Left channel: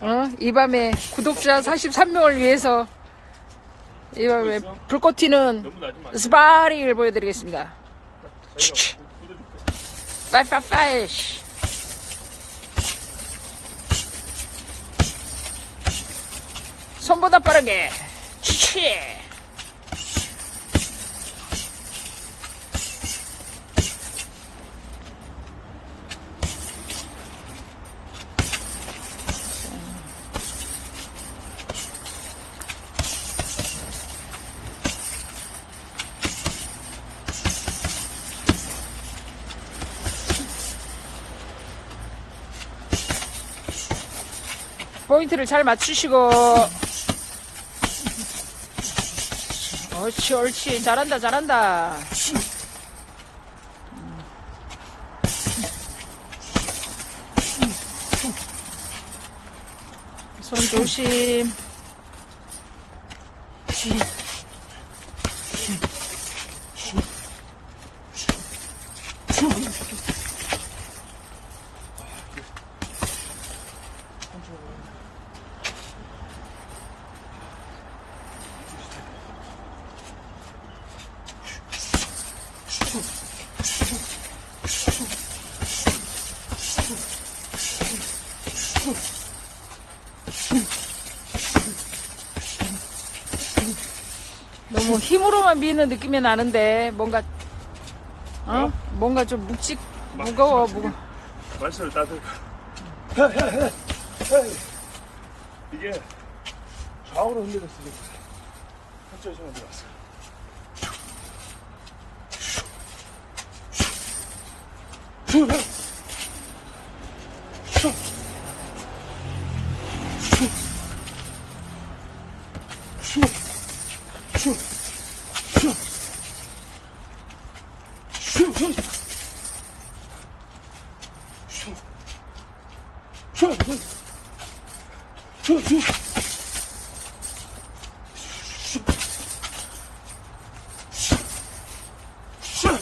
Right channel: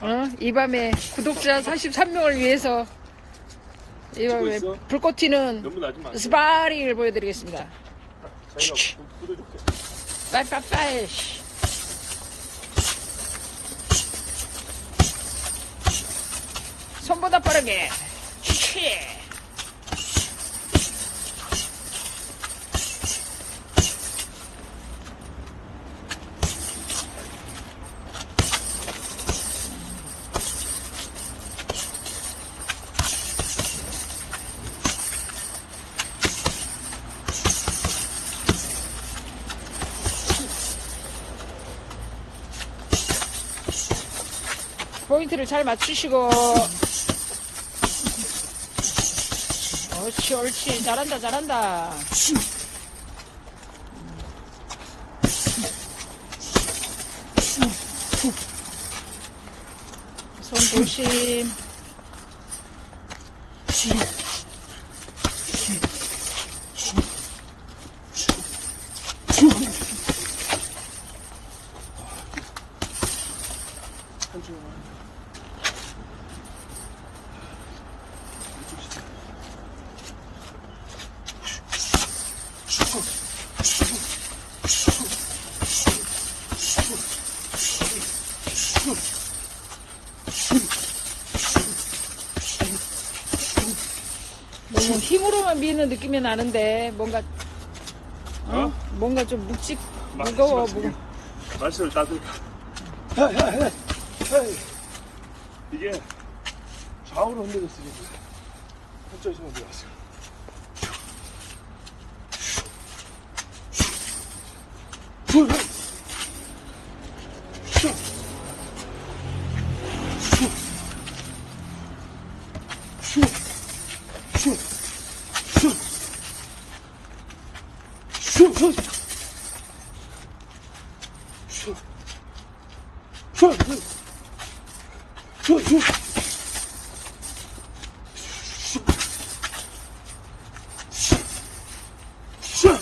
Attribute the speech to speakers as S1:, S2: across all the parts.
S1: 어? 이 밤에 구독자 43명을 위해서 이 밤에 있어? 불꽃 튀는 너무
S2: 나지 마.
S1: 스파링을 보여드리겠습니다.
S2: 자기가 묻어줄게.
S1: 빠이빠이빠이. 손보다 빠르게. 치치. 포인트를 잘 맞추시고. 옳지, 옳지. 잘한다, 잘한다. 손 조심.
S2: 너
S1: 무 힘으로만 미는 느낌이 나는데, 뭔가, 어? 어? 뭔가 좀 묵직, 막 무거워. 치게.
S2: 만세를 따뜻하. 이게 좌우로 흔들렸으니 한쪽에서 흔들렸어. Şu şu. Şu. Şu şu. Şu şu.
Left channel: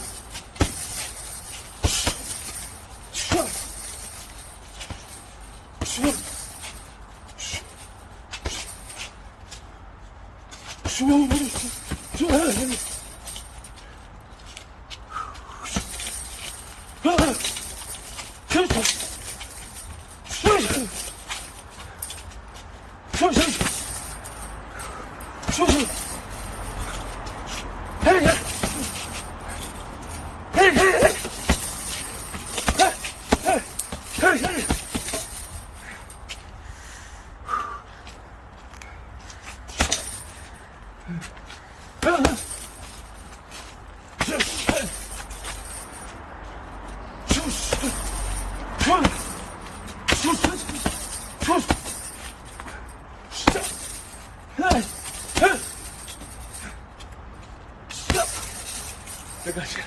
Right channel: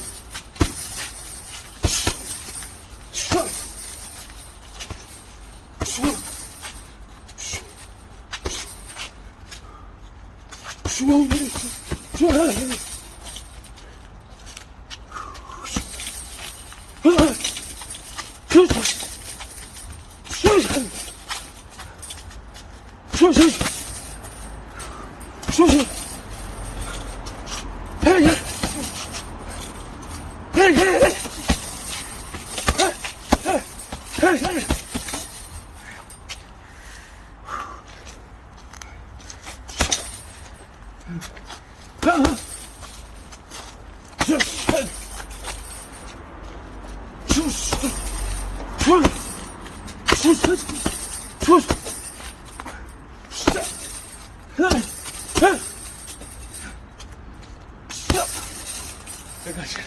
S2: Şu olmalı. Şu olmalı. Yes. Sus. Sus. Sus. Sus. Kaç.